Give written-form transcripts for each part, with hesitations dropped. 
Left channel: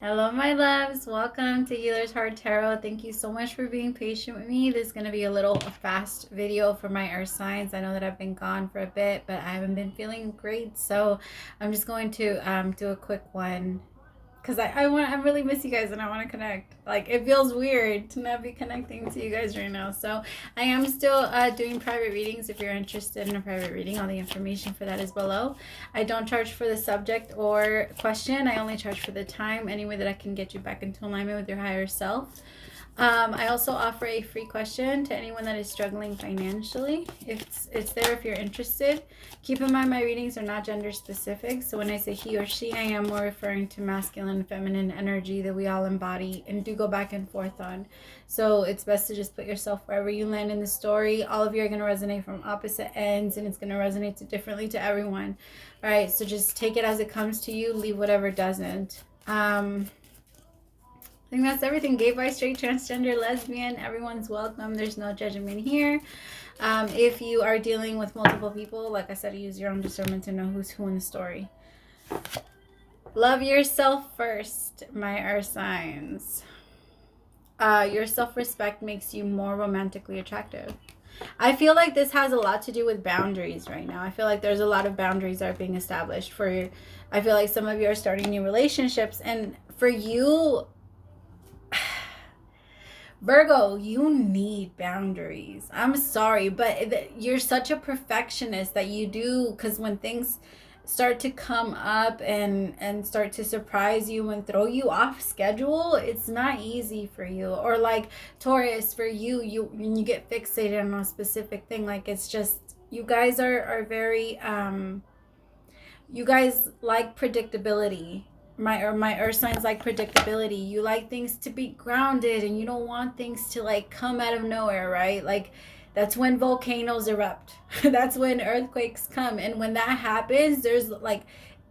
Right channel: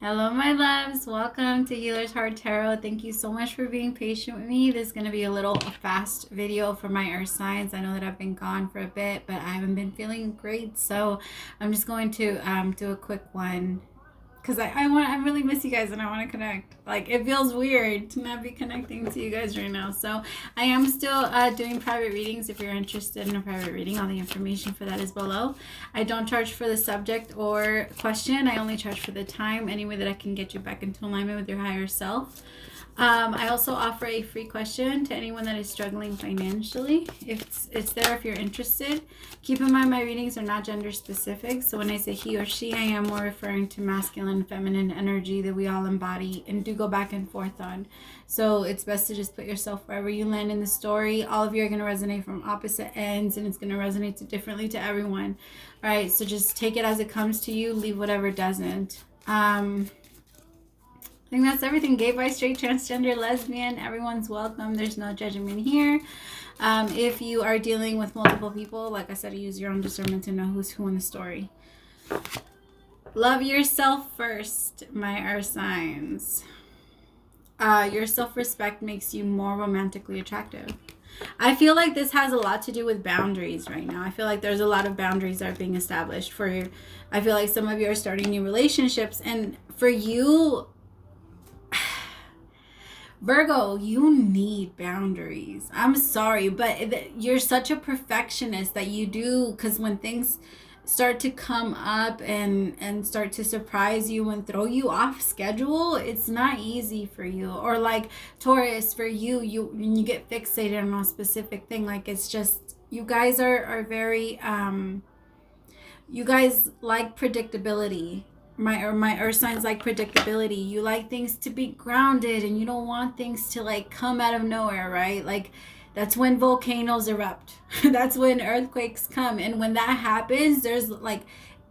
Hello, my loves. Welcome to Healer's Heart Tarot. Thank you so much for being patient with me. This is going to be a little fast video for my earth signs. I know that I've been gone for a bit, but I haven't been feeling great. So I'm just going to do a quick one because I really miss you guys and I want to connect. Like, it feels weird to not be connecting to you guys right now. So I am still doing private readings. If you're interested in a private reading, all the information for that is below. I don't charge for the subject or question. I only charge for the time, any way that I can get you back into alignment with your higher self. I also offer a free question to anyone that is struggling financially. It's there if you're interested. Keep in mind my readings are not gender specific. So when I say he or she, I am more referring to masculine, feminine energy that we all embody and do go back and forth on. So it's best to just put yourself wherever you land in the story. All of you are going to resonate from opposite ends and it's going to resonate differently to everyone. All right, so just take it as it comes to you. Leave whatever doesn't. I think that's everything. Gay, bi, straight, transgender, lesbian, everyone's welcome. There's no judgment here. If you are dealing with multiple people, like I said, use your own discernment to know who's who in the story. Love yourself first, my earth signs. Your self-respect makes you more romantically attractive. I feel like this has a lot to do with boundaries right now. I feel like there's a lot of boundaries that are being established for you. I feel like some of you are starting new relationships, and for you, Virgo, you need boundaries. I'm sorry, but you're such a perfectionist that you do, because when things start to come up and start to surprise you and throw you off schedule, it's not easy for you. Or like Taurus, for you when you get fixated on a specific thing, like it's just, you guys are very you guys like predictability. My earth signs like predictability. You like things to be grounded and you don't want things to like come out of nowhere, right? Like that's when volcanoes erupt. That's when earthquakes come. And when that happens, there's like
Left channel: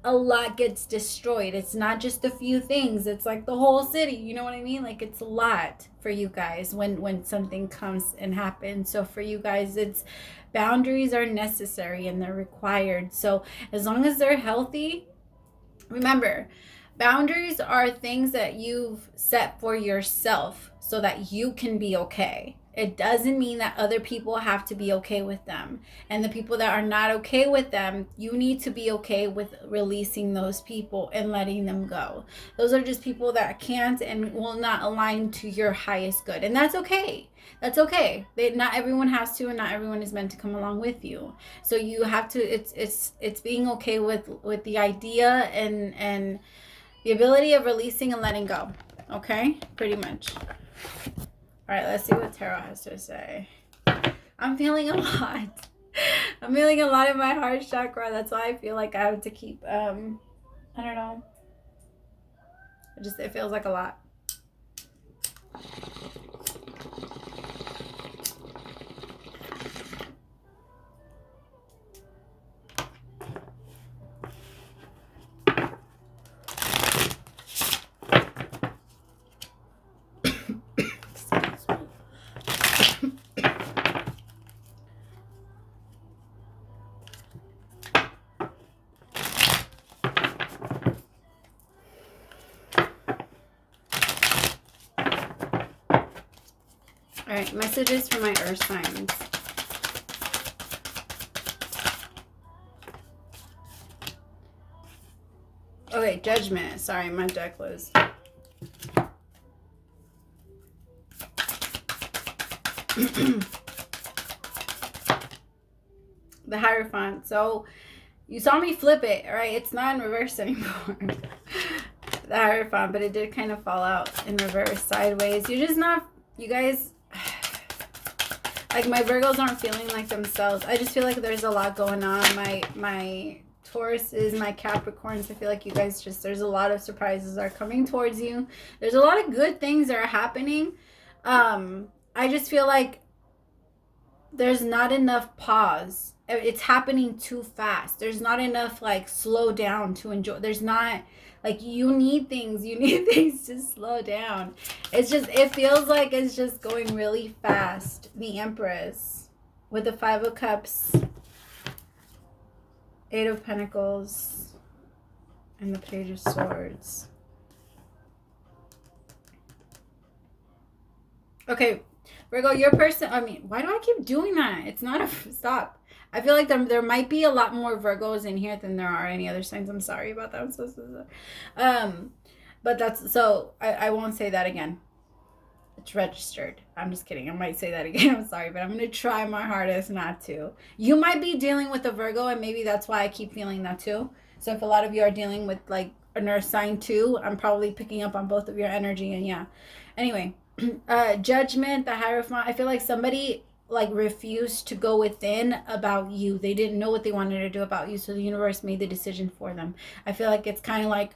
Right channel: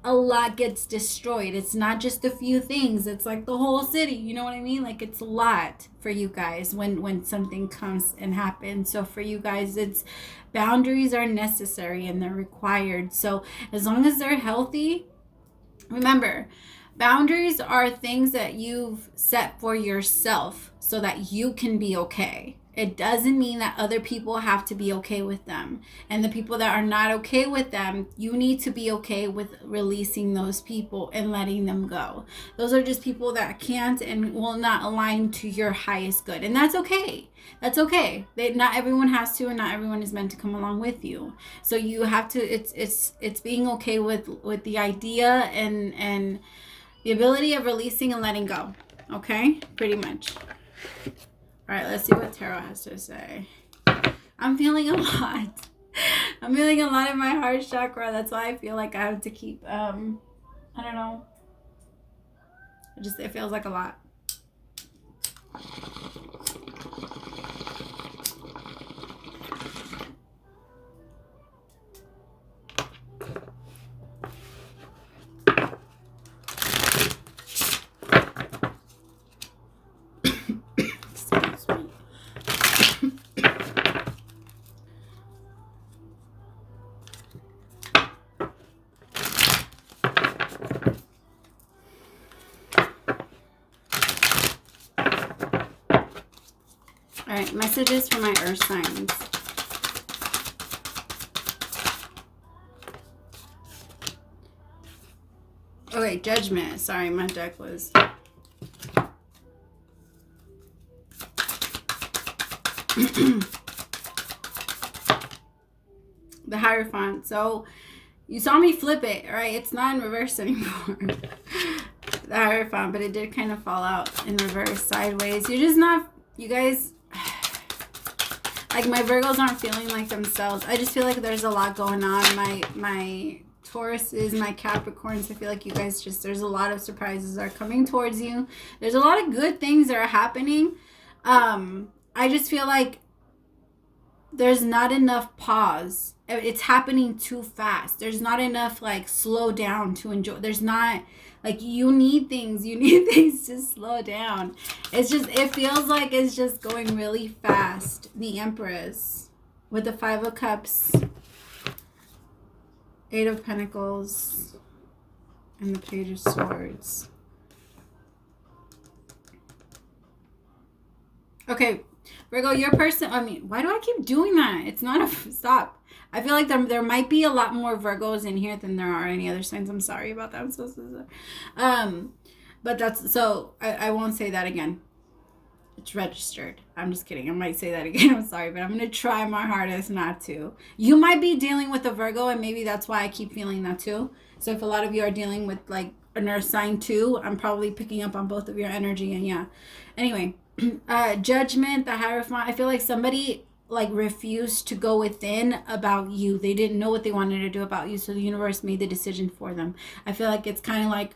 a lot gets destroyed. It's not just a few things. It's like the whole city. You know what I mean? Like it's a lot for you guys when something comes and happens. So for you guys, it's boundaries are necessary and they're required. So as long as they're healthy, remember, boundaries are things that you've set for yourself so that you can be okay. It doesn't mean that other people have to be okay with them. And the people that are not okay with them, you need to be okay with releasing those people and letting them go. Those are just people that can't and will not align to your highest good. And that's okay. That's okay. Not everyone has to, and not everyone is meant to come along with you. So you have to, it's being okay with the idea and the ability of releasing and letting go. Okay? Pretty much. All right, let's see what Tarot has to say. I'm feeling a lot. I'm feeling a lot in my heart chakra. That's why I feel like I have to keep, I don't know. It feels like a lot. All right, messages for my earth signs. Okay, judgment. Sorry, my deck was... the Hierophant. So you saw me flip it, right? It's not in reverse anymore. The Hierophant, but it did kind of fall out in reverse, sideways. You're just not, you guys, like my Virgos aren't feeling like themselves. I just feel like there's a lot going on. My Tauruses, my Capricorns, I feel like you guys just, there's a lot of surprises that are coming towards you. There's a lot of good things that are happening. I just feel like there's not enough pause. It's happening too fast. There's not enough like slow down to enjoy. There's not like you need things to slow down. It's just, it feels like it's just going really fast. The Empress with the 5 of Cups, 8 of Pentacles, and the Page of Swords. Okay, Virgo, your person, I mean, why do I keep doing that? It's not a, stop. I feel like there might be a lot more Virgos in here than there are any other signs. I'm sorry about that. I'm so sorry. But that's, so I won't say that again. It's registered. I'm just kidding. I might say that again. I'm sorry, but I'm going to try my hardest not to. You might be dealing with a Virgo, and maybe that's why I keep feeling that too. So if a lot of you are dealing with like an earth sign too, I'm probably picking up on both of your energy. And yeah. Anyway, Judgment, the Hierophant. I feel like somebody like refused to go within about you. They didn't know what they wanted to do about you, so the universe made the decision for them. I feel like it's kind of like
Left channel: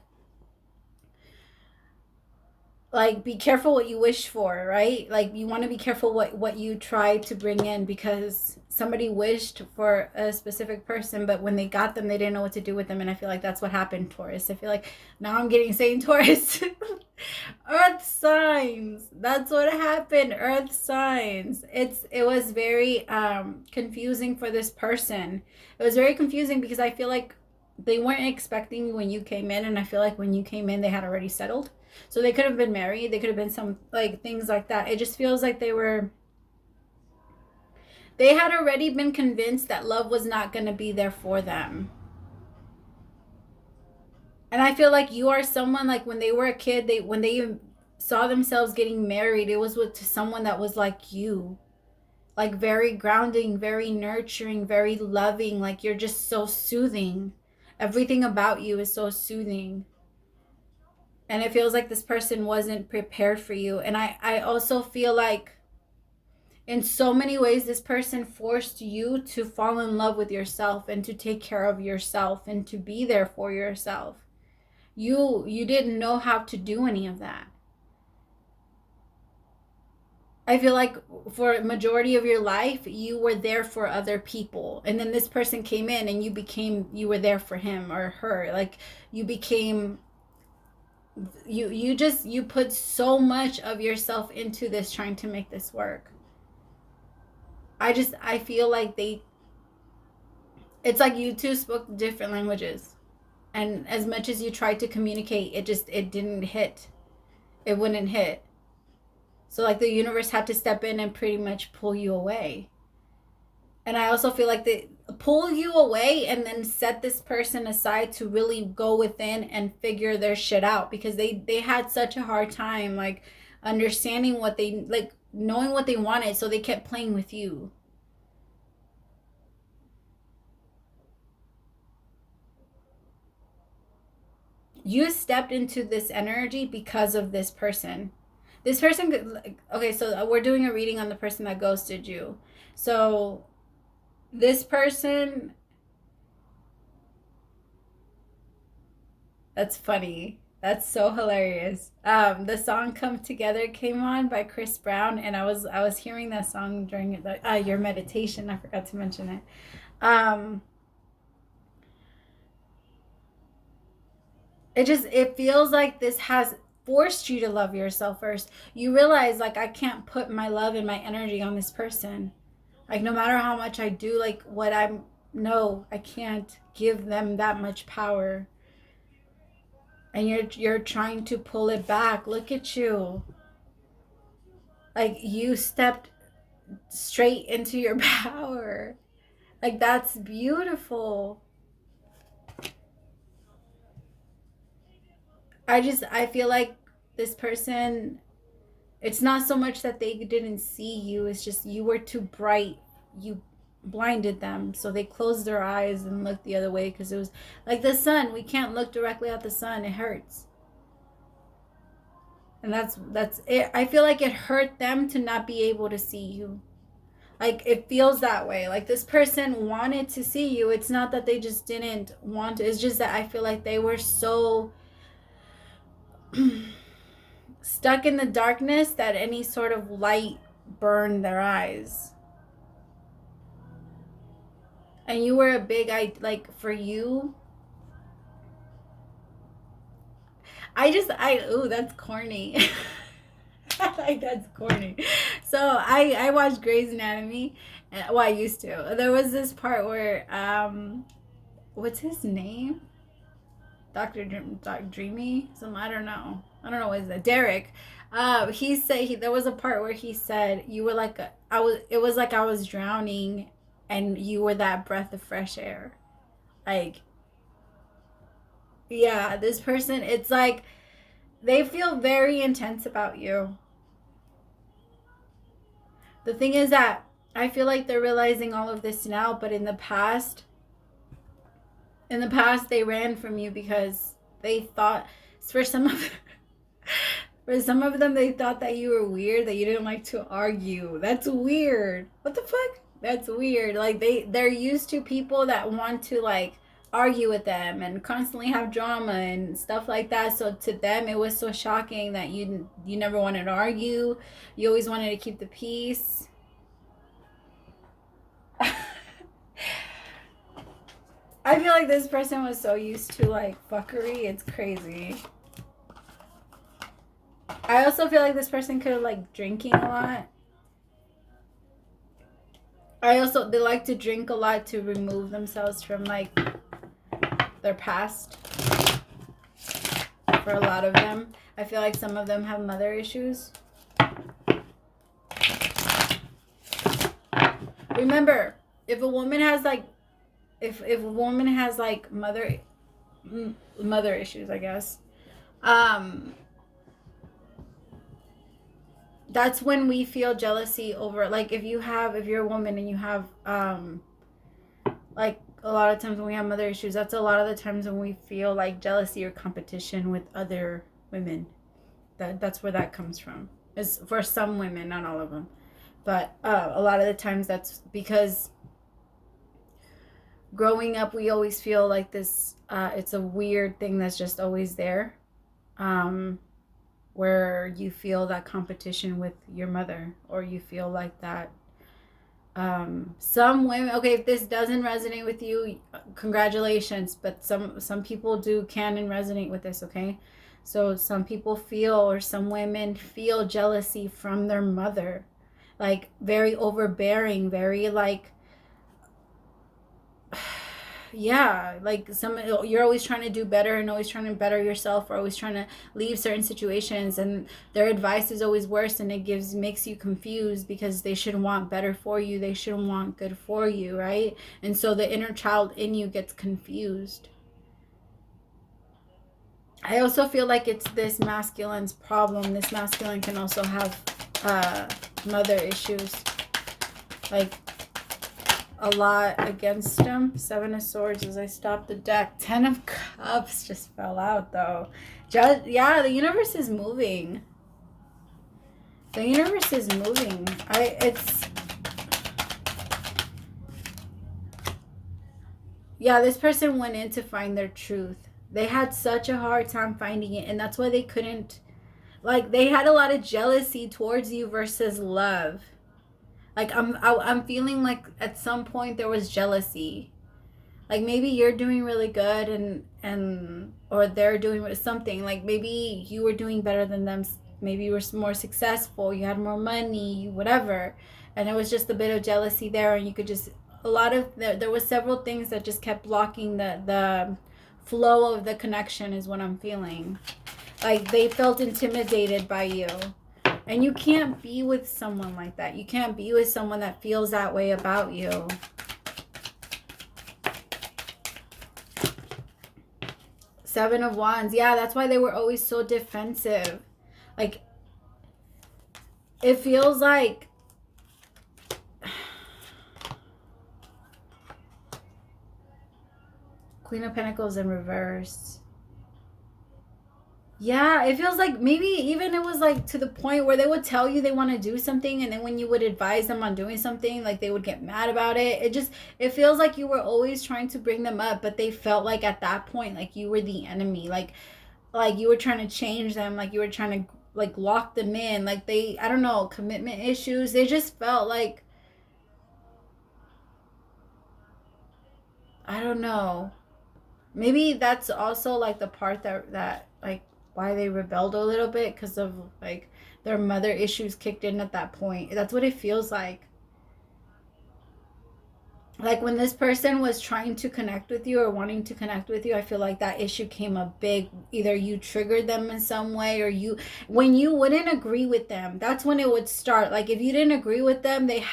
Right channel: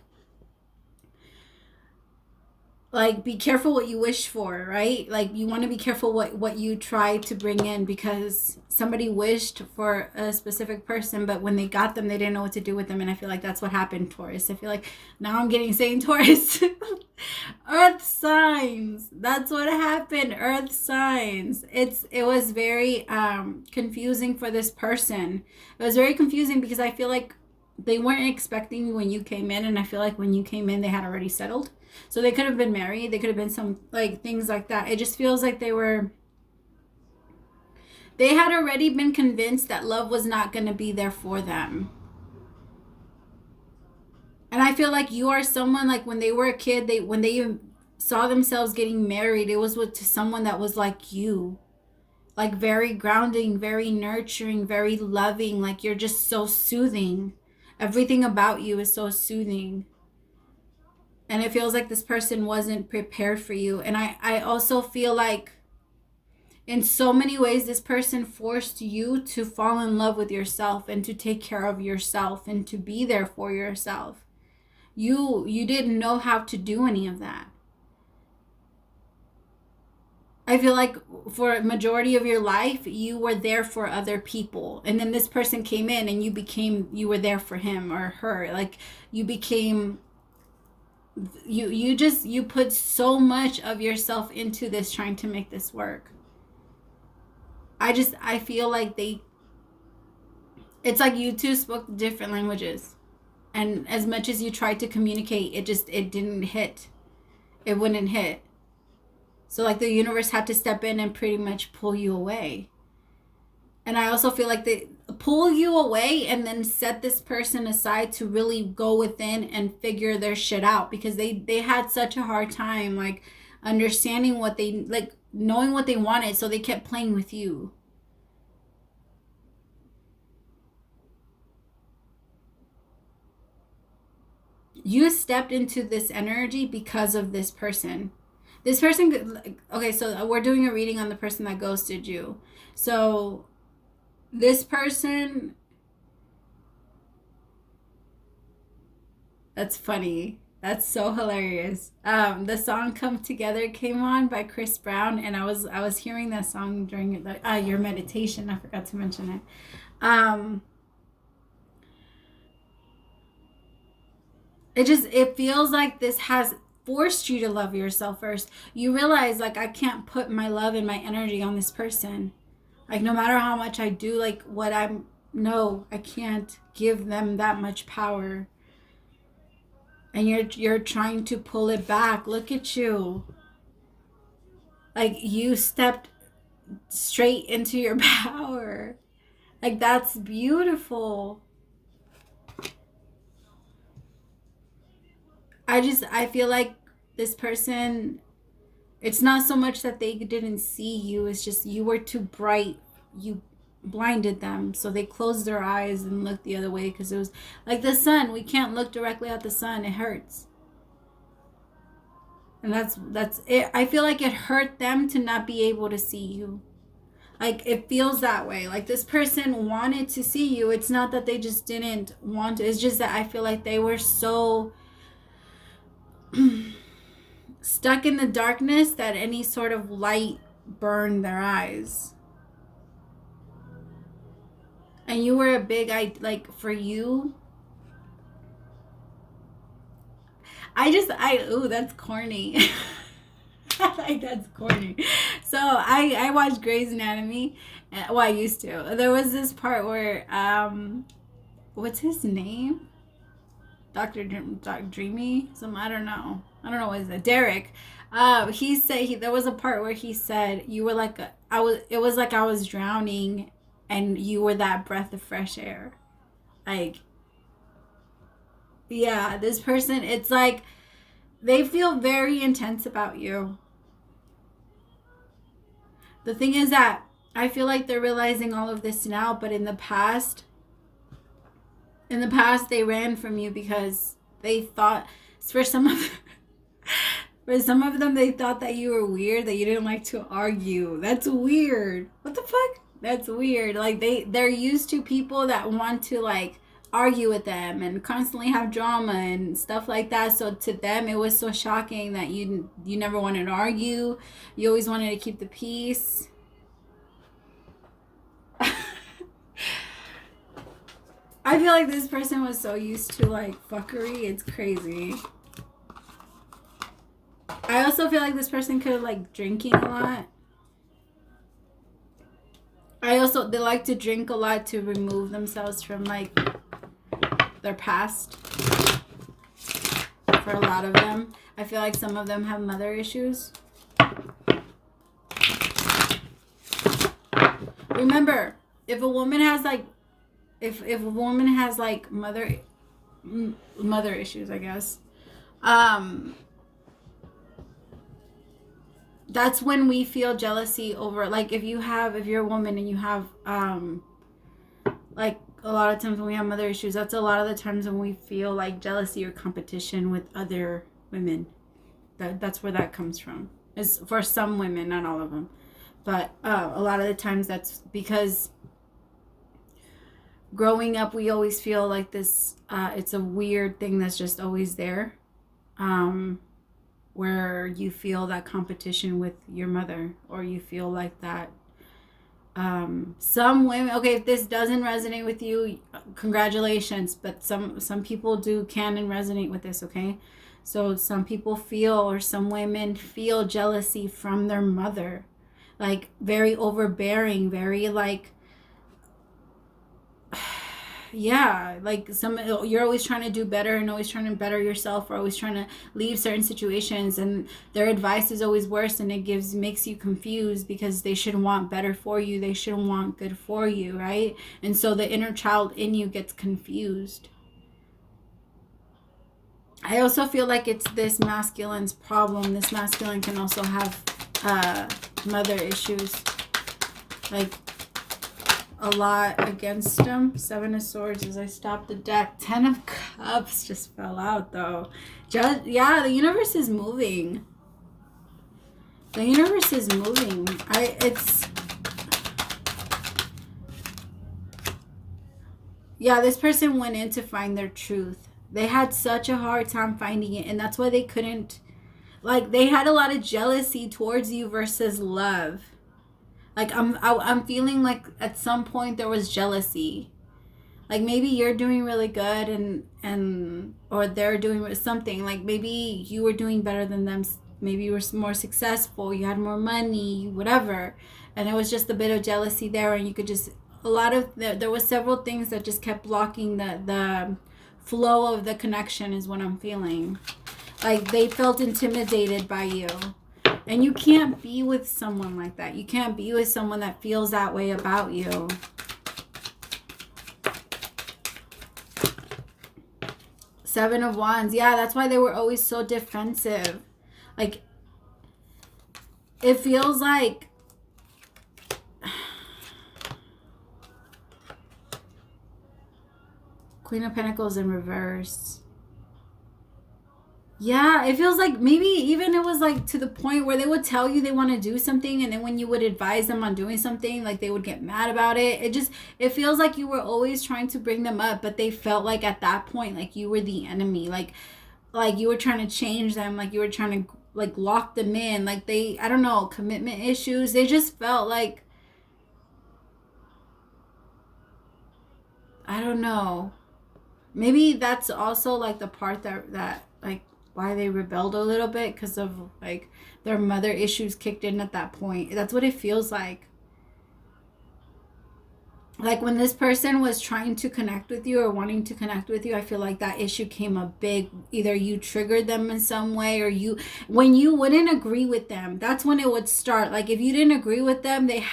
be careful what you wish for, right? Like you want to be careful what you try to bring in, because somebody wished for a specific person, but when they got them, they didn't know what to do with them. And I feel like that's what happened, Taurus. I feel like now I'm getting saying Taurus. Earth signs, that's what happened. Earth signs. It was very confusing for this person. It was very confusing because I feel like they weren't expecting you when you came in, and I feel like when you came in they had already settled. So they could have been married. They could have been some like things like that. It just feels like they had already been convinced that love was not going to be there for them. And I feel like you are someone, like when they were a kid, when they saw themselves getting married, it was to someone that was like you. Like very grounding, very nurturing, very loving. Like you're just so soothing. Everything about you is so soothing. And it feels like this person wasn't prepared for you. And I also feel like in so many ways, this person forced you to fall in love with yourself and to take care of yourself and to be there for yourself. You didn't know how to do any of that. I feel like for a majority of your life, you were there for other people. And then this person came in and you were there for him or her. Like you became... You put so much of yourself into this, trying to make this work. I feel like it's like you two spoke different languages, and as much as you tried to communicate, it didn't hit. It wouldn't hit. So like the universe had to step in and pretty much pull you away. And I also feel like they pull you away and then set this person aside to really go within and figure their shit out, because they had such a hard time like understanding what they, like knowing what they wanted, so they kept playing with you. You stepped into this energy because of this person. This person, okay, so we're doing a reading on the person that ghosted you. So this person, that's funny. That's so hilarious. The song "Come Together" came on by Chris Brown, and I was hearing that song during your meditation. I forgot to mention it. It feels like this has forced you to love yourself first. You realize like I can't put my love and my energy on this person. Like no matter how much I do, like what I can't give them that much power. And you're trying to pull it back. Look at you. Like you stepped straight into your power. Like that's beautiful. I feel like this person, it's not so much that they didn't see you, it's just you were too bright. You blinded them, so they closed their eyes and looked the other way, because it was like the sun. We can't look directly at the sun. It hurts. And that's it. I feel like it hurt them to not be able to see you. Like it feels that way. Like this person wanted to see you. It's not that they just didn't want to. It's just that I feel like they were so stuck in the darkness that any sort of light burned their eyes. And you were a big, like for you, ooh, that's corny. Like that's corny. So I watched Grey's Anatomy. Well, I used to. There was this part where what's his name? Dr. Dreamy? I don't know what is that? Derek. He said there was a part where he said you were like it was like I was drowning and you were that breath of fresh air. Like, yeah, this person, it's like they feel very intense about you. The thing is that I feel like they're realizing all of this now, but in the past they ran from you because they thought, for some of them, they thought that you were weird, that you didn't like to argue. That's weird. What the fuck? That's weird. Like, they're used to people that want to, like, argue with them and constantly have drama and stuff like that. So to them, it was so shocking that you never wanted to argue. You always wanted to keep the peace. I feel like this person was so used to, like, fuckery. It's crazy. I also feel like this person could have, like, drinking a lot. They like to drink a lot to remove themselves from, like, their past. For a lot of them. I feel like some of them have mother issues. Remember, if a woman has, like, if a woman has, like, mother issues, I guess, that's when we feel jealousy over, like, if you're a woman and you have, like, a lot of times when we have mother issues, that's a lot of the times when we feel like jealousy or competition with other women. That's where that comes from. It's for some women, not all of them, but a lot of the times that's because growing up, we always feel like this, it's a weird thing that's just always there, where you feel that competition with your mother, or you feel like that. Some women, okay, if this doesn't resonate with you, congratulations, but some people can and resonate with this, okay? So some people feel, or some women feel jealousy from their mother, like very overbearing, very like, yeah, like you're always trying to do better and always trying to better yourself, or always trying to leave certain situations, and their advice is always worse, and it makes you confused because they should want better for you, they should want good for you, right? And so the inner child in you gets confused. I also feel like it's this masculine's problem. This masculine can also have mother issues, like a lot against him. 7 of Swords as I stop the deck. 10 of Cups just fell out though. Yeah, the universe is moving. The universe is moving. Yeah, this person went in to find their truth. They had such a hard time finding it, and that's why they couldn't, like, they had a lot of jealousy towards you versus love. Like, I'm feeling like at some point there was jealousy. Like, maybe you're doing really good and or they're doing something. Like, maybe you were doing better than them. Maybe you were more successful. You had more money, whatever. And there was just a bit of jealousy there. And you could just, there was several things that just kept blocking the flow of the connection is what I'm feeling. Like, they felt intimidated by you. And you can't be with someone like that. You can't be with someone that feels that way about you. Seven of Wands. Yeah, that's why they were always so defensive. Like, it feels like Queen of Pentacles in reverse. Yeah, it feels like maybe even it was like to the point where they would tell you they want to do something, and then when you would advise them on doing something, like they would get mad about it. It feels like you were always trying to bring them up, but they felt like at that point, like you were the enemy, like you were trying to change them, like you were trying to like lock them in, like I don't know, commitment issues. They just felt like, I don't know. Maybe that's also like the part that like why they rebelled a little bit, because of like their mother issues kicked in at that point. That's what it feels like. like when this person was trying to connect with you or wanting to connect with you, I feel like that issue came up big. Either you triggered them in some way, or when you wouldn't agree with them, that's when it would start. Like if you didn't agree with them, they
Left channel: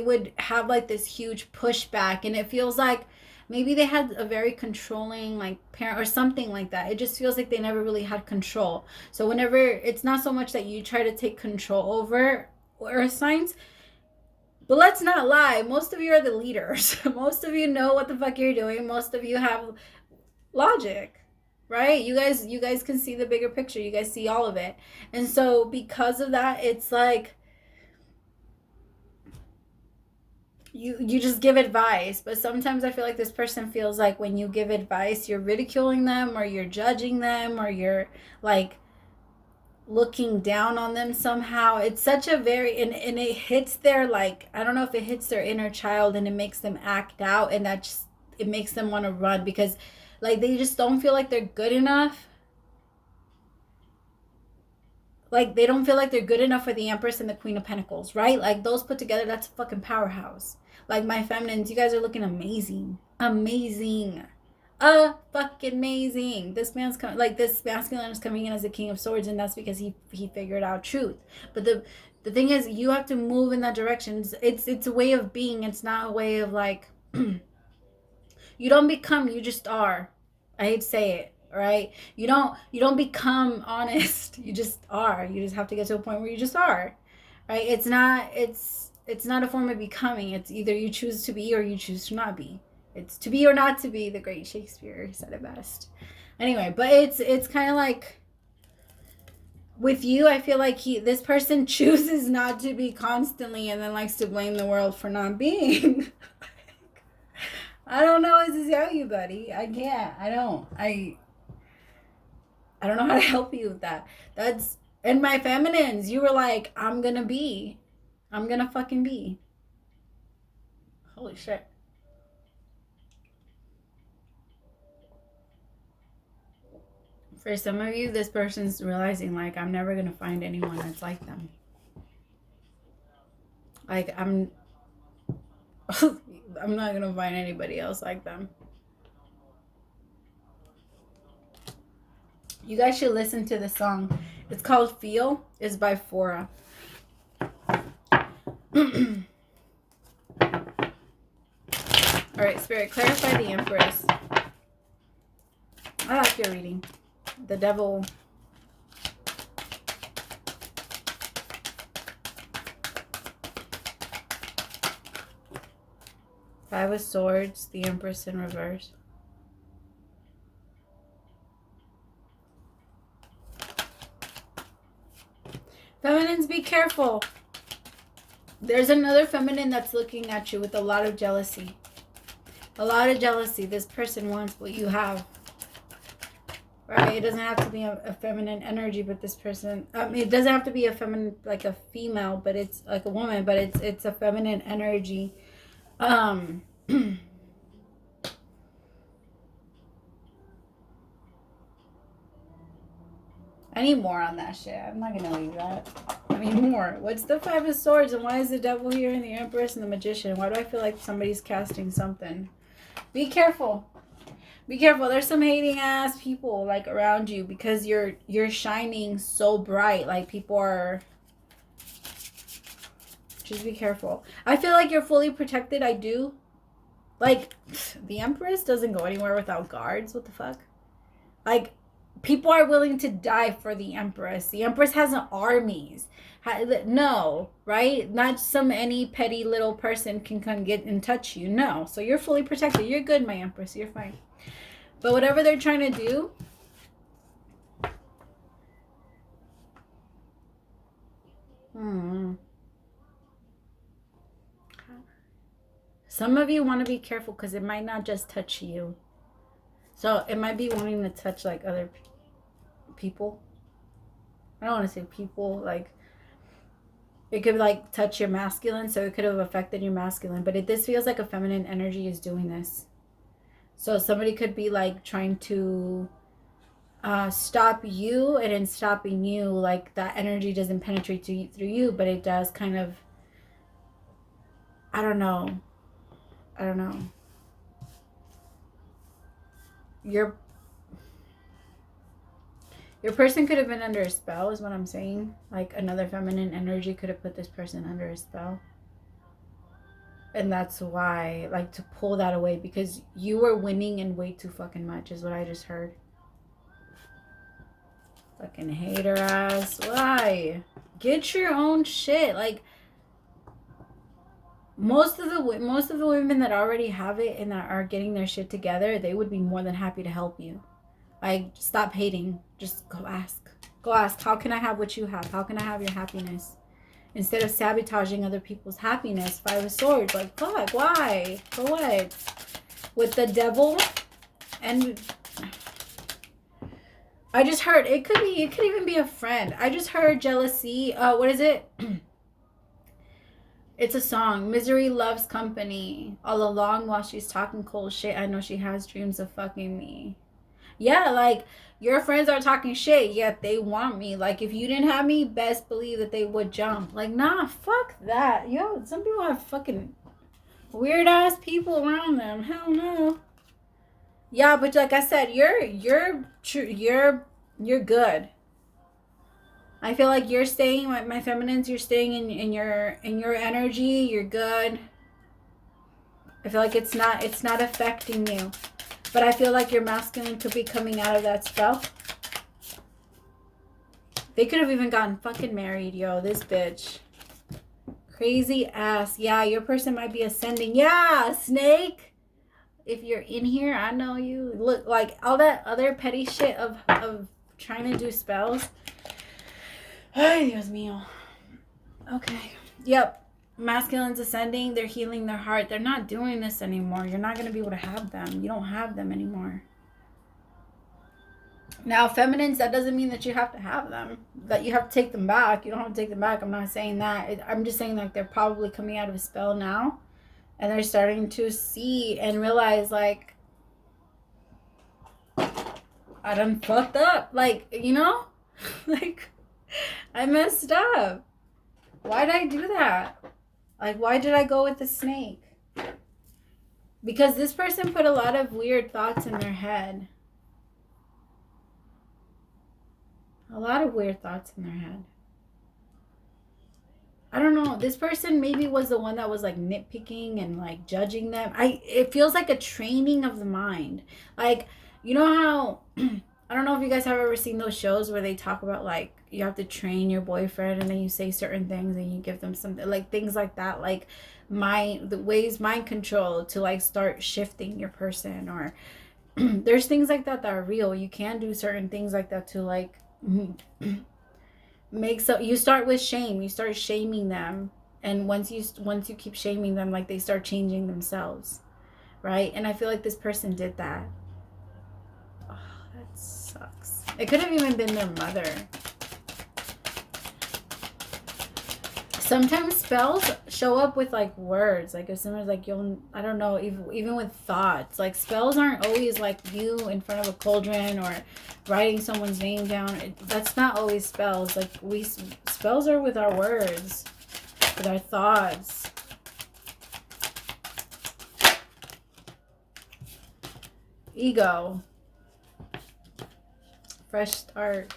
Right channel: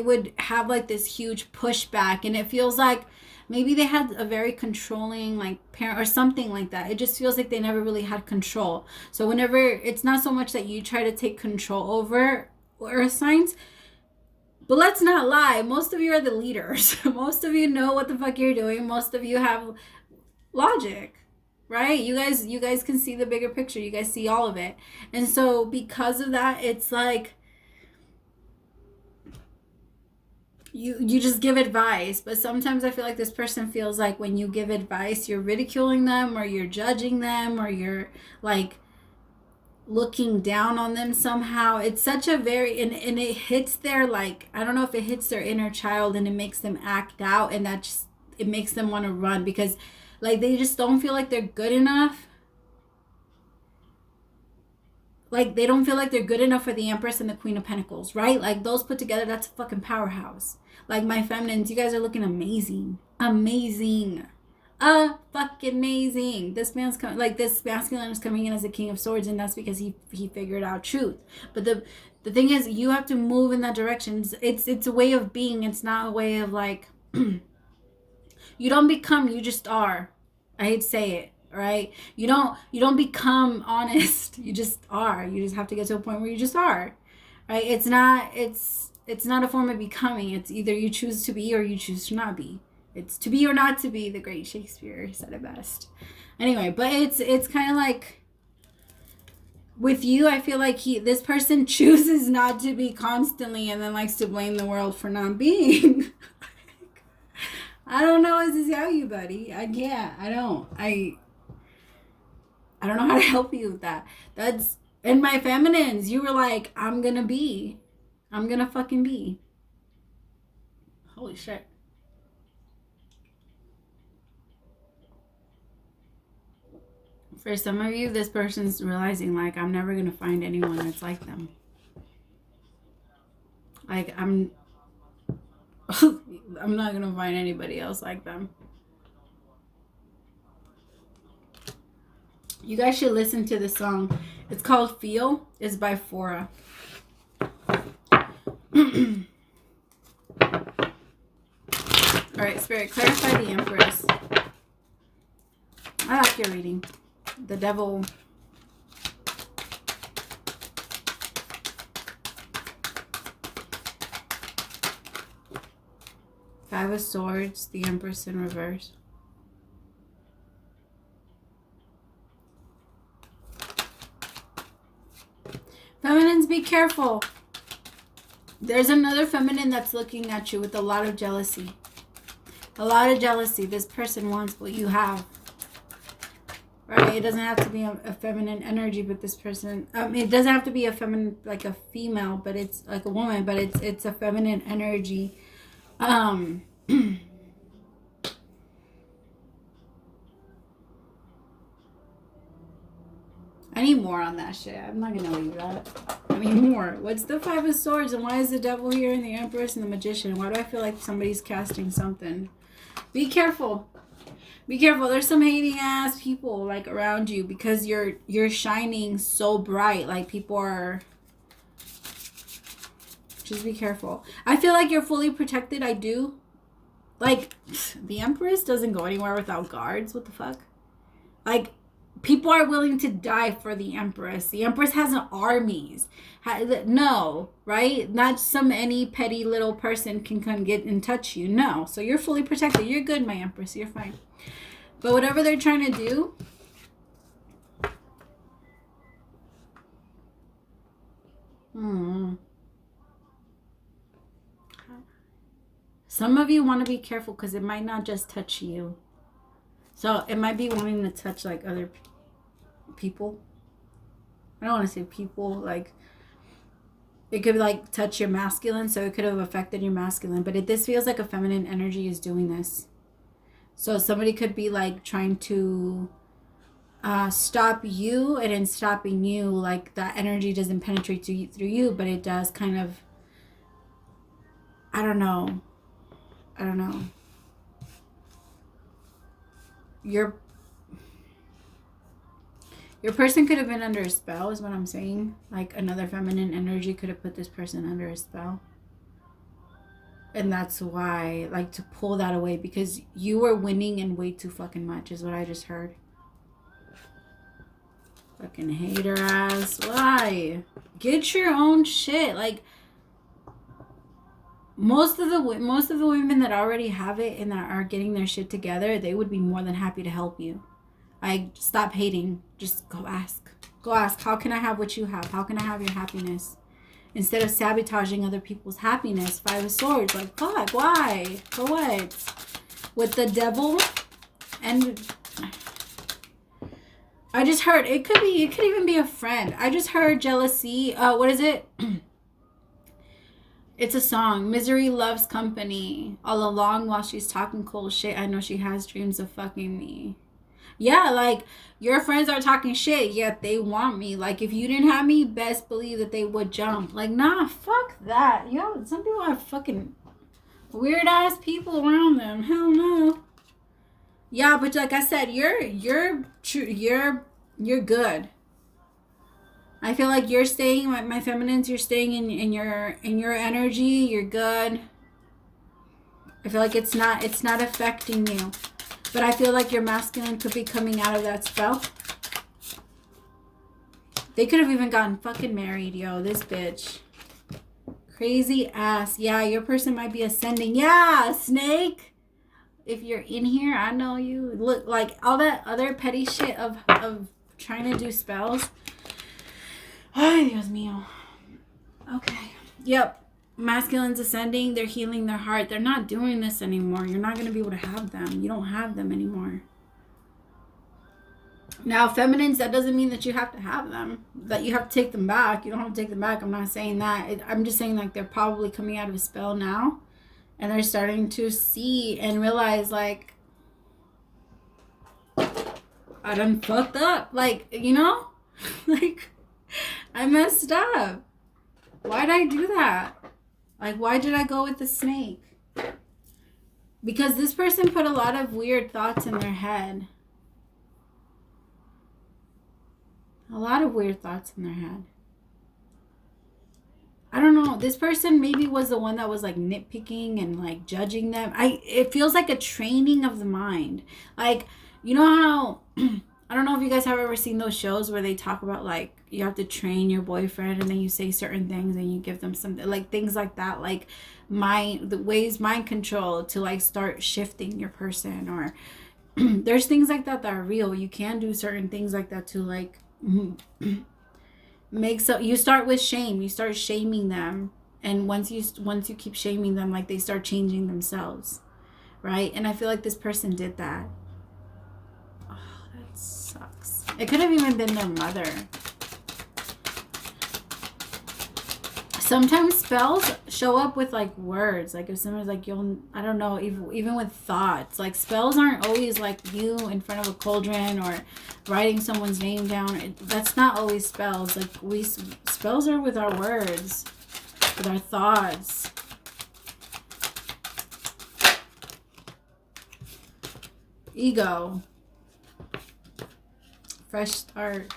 would have like this huge pushback, and it feels like maybe they had a very controlling like parent or something like that. It just feels like they never really had control. So whenever, it's not so much that you try to take control over earth signs, but let's not lie, most of you are the leaders. Most of you know what the fuck you're doing. Most of you have logic, right? You guys can see the bigger picture. You guys see all of it. And so because of that, it's like you just give advice. But sometimes I feel like this person feels like when you give advice, you're ridiculing them, or you're judging them, or you're like looking down on them somehow. It's such a very, and it hits their, like, I don't know if it hits their inner child, and it makes them act out, and that just, it makes them want to run, because like they just don't feel like they're good enough. Like they don't feel like they're good enough for the Empress and the Queen of Pentacles, right? Like those put together, that's a fucking powerhouse. Like my feminines, you guys are looking amazing. Amazing. Fucking amazing. This man's coming, like this masculine is coming in as a King of Swords, and that's because he figured out truth. But the thing is, you have to move in that direction. It's a way of being. It's not a way of like you don't become, you just are. I hate to say it, right? You don't become honest. You just are. You just have to get to a point where you just are, right? It's not a form of becoming. It's either you choose to be or you choose to not be. It's to be or not to be. The great Shakespeare said it best. Anyway, but it's kind of like with you, I feel like this person chooses not to be constantly, and then likes to blame the world for not being. I don't know what to tell you, buddy. I can't. I don't know how to help you with that. That's, and my feminines, you were like, I'm gonna fucking be. Holy shit. For some of you, this person's realizing, like, I'm never going to find anyone that's like them. Like, I'm not going to find anybody else like them. You guys should listen to this song. It's called Feel. It's by Fora. Alright, Spirit, clarify the Empress. I like your reading. The Devil. Five of Swords, the Empress in reverse. Feminines, be careful. There's another feminine that's looking at you with a lot of jealousy. A lot of jealousy. This person wants what you have. Right? It doesn't have to be a feminine energy, but this person, it doesn't have to be a feminine, like a female, but it's like a woman, but it's a feminine energy. I need more on that shit. I'm not gonna leave that. I need more. What's the Five of Swords, and why is the Devil here, and the Empress and the Magician? Why do I feel like somebody's casting something? Be careful. Be careful. There's some hating ass people like around you, because you're shining so bright. Like people are. Just be careful. I feel like you're fully protected. I do. Like the Empress doesn't go anywhere without guards. What the fuck? Like people are willing to die for the Empress. The Empress has armies. No, right? Not any petty little person can come get and touch you. No. So you're fully protected. You're good, my Empress. You're fine. But whatever they're trying to do, some of you want to be careful, because it might not just touch you. So it might be wanting to touch like other people. I don't want to say people, like it could like touch your masculine, so it could have affected your masculine. But this feels like a feminine energy is doing this. So somebody could be like trying to stop you, and in stopping you, like that energy doesn't penetrate through you, but it does kind of, I don't know. I don't know. Your person could have been under a spell is what I'm saying. Like another feminine energy could have put this person under a spell. And that's why, like, to pull that away, because you were winning and way too fucking much is what I just heard. Fucking hater ass. Why? Get your own shit. Like, most of the women that already have it and that are getting their shit together, they would be more than happy to help you. Like, stop hating. Just go ask. Go ask. How can I have what you have? How can I have your happiness? Instead of sabotaging other people's happiness. 5 of Swords. Like, fuck, why? For what? With the devil. And I just heard, it could even be a friend. I just heard jealousy. What is it? It's a song. Misery loves company. All along while she's talking cold shit, I know she has dreams of fucking me. Yeah, like, your friends are talking shit, yet they want me. Like, if you didn't have me, best believe that they would jump. Like, nah, fuck that. Yo, some people have fucking weird ass people around them. Hell no. Yeah, but like I said, you're good. I feel like you're staying, my feminines, you're staying in your energy. You're good. I feel like it's not affecting you. But I feel like your masculine could be coming out of that spell. They could have even gotten fucking married, yo. This bitch. Crazy ass. Yeah, your person might be ascending. Yeah, snake. If you're in here, I know you. Look, like, all that other petty shit of trying to do spells. Ay, Dios mío. Okay. Yep. Masculine's ascending. They're healing their heart. They're not doing this anymore. You're not going to be able to have them. You don't have them anymore. Now, feminines, that doesn't mean that you have to have them. That you have to take them back. You don't have to take them back. I'm not saying that. I'm just saying, like, they're probably coming out of a spell now. And they're starting to see and realize, like, I done fucked up. Like, you know? Like, I messed up. Why did I do that? Like, why did I go with the snake? Because this person put a lot of weird thoughts in their head. A lot of weird thoughts in their head. I don't know. This person maybe was the one that was, like, nitpicking and, like, judging them. It feels like a training of the mind. Like, you know how... I don't know if you guys have ever seen those shows where they talk about, like, you have to train your boyfriend and then you say certain things and you give them something, like, things like that, like mind control to, like, start shifting your person. Or there's things like that that are real. You can do certain things like that to, like, make so you start with shame. You start shaming them, and once you keep shaming them, like, they start changing themselves, right? And I feel like this person did that. Sucks. It could have even been their mother. Sometimes spells show up with, like, words. Like, if someone's like, I don't know, even with thoughts. Like, spells aren't always like you in front of a cauldron or writing someone's name down. That's not always spells. Like, spells are with our words, with our thoughts. Ego. Fresh start.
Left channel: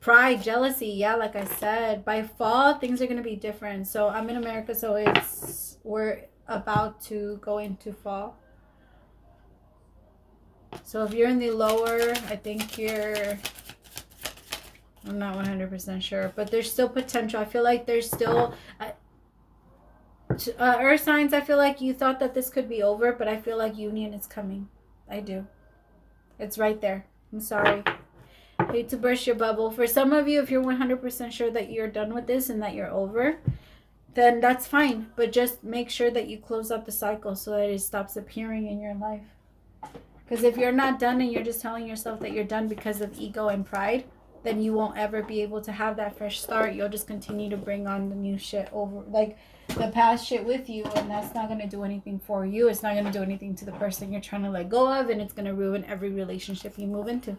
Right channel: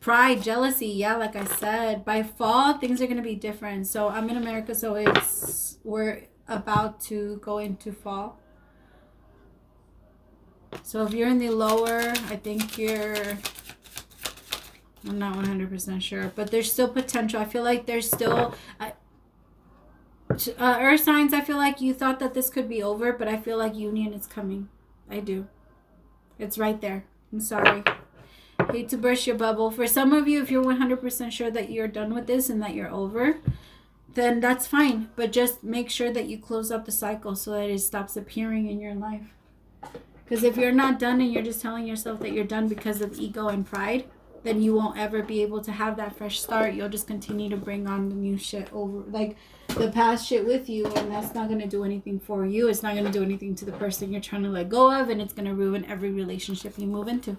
Pride, jealousy. Yeah, like I said, by fall, things are going to be different. So I'm in America, so we're about to go into fall. So if you're in the lower, I think I'm not 100% sure, but there's still potential. I feel like there's still... Earth signs, I feel like you thought that this could be over, but I feel like union is coming. I do. It's right there. I'm sorry. Hate to burst your bubble. For some of you, if you're 100% sure that you're done with this and that you're over, then that's fine. But just make sure that you close out the cycle so that it stops appearing in your life. Because if you're not done and you're just telling yourself that you're done because of ego and pride, then you won't ever be able to have that fresh start. You'll just continue to bring on the new shit over, like the past shit with you, and that's not going to do anything for you. It's not going to do anything to the person you're trying to let go of, and it's going to ruin every relationship you move into.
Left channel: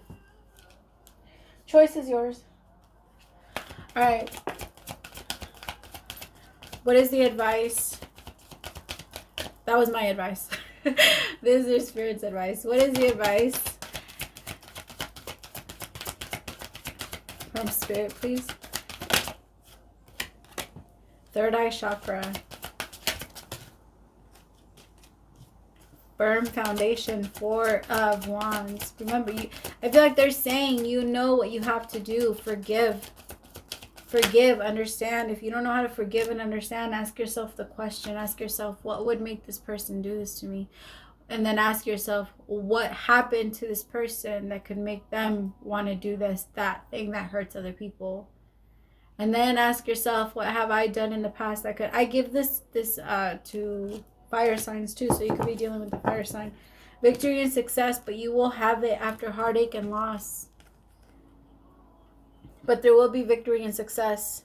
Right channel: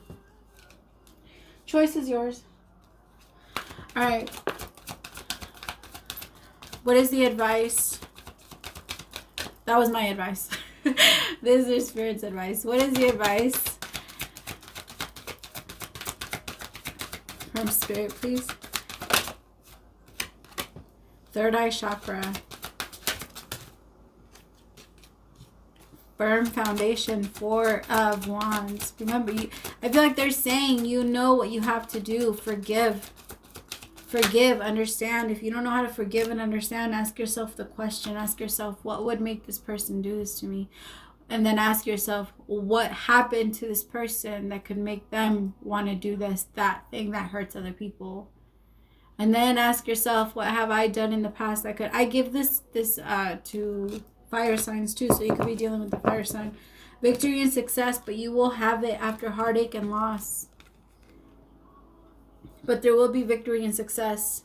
Choice is yours. All right. What is the advice That was my advice. This is your spirit's advice. What is the advice from spirit, please? Third eye chakra. Firm foundation. 4 of Wands. Remember, I feel like they're saying you know what you have to do. Forgive. Forgive, understand. If you don't know how to forgive and understand, ask yourself the question. Ask yourself, what would make this person do this to me? And then ask yourself, what happened to this person that could make them want to do that thing that hurts other people? And then ask yourself, what have I done in the past that could... I give this to fire signs too, so you could be dealing with the fire sign. Victory and success, but you will have it after heartache and loss. But there will be victory and success.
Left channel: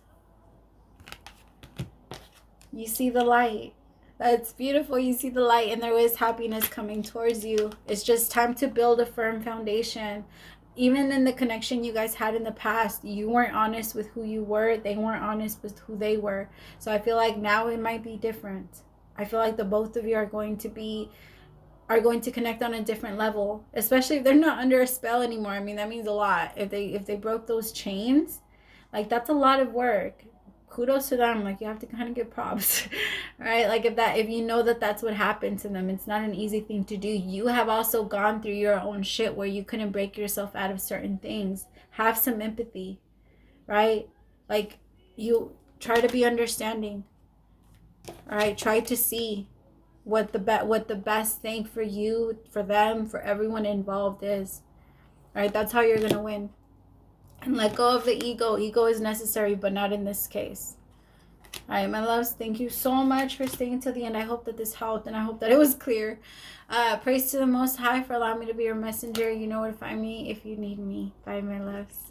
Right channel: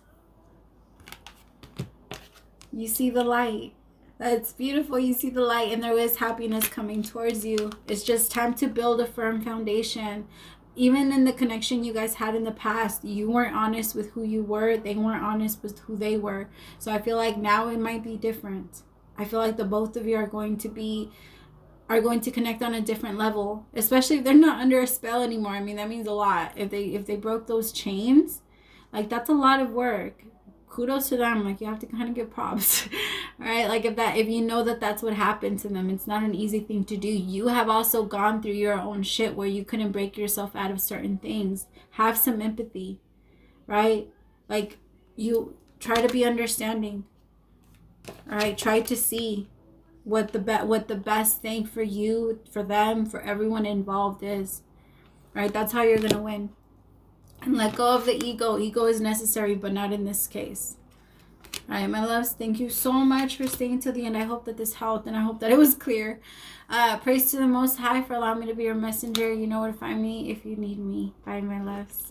You see the light. That's beautiful. You see the light, and there is happiness coming towards you. It's just time to build a firm foundation. Even in the connection you guys had in the past, you weren't honest with who you were. They weren't honest with who they were. So I feel like now it might be different. I feel like the both of you are going to connect on a different level, especially if they're not under a spell anymore. I mean, that means a lot. If they broke those chains, like, that's a lot of work. Kudos to them. Like, you have to kind of give props. All right, like, if you know that that's what happened to them, it's not an easy thing to do. You have also gone through your own shit where you couldn't break yourself out of certain things. Have some empathy, right? Like, you try to be understanding. All right, try to see what the best thing for you, for them, for everyone involved is. All right, that's how you're gonna win. And let go of the ego. Ego is necessary, but not in this case. All right, my loves, thank you so much for staying till the end. I hope that this helped, and I hope that it was clear. Praise to the Most High for allowing me to be your messenger. You know where to find me if you need me. Bye, my loves.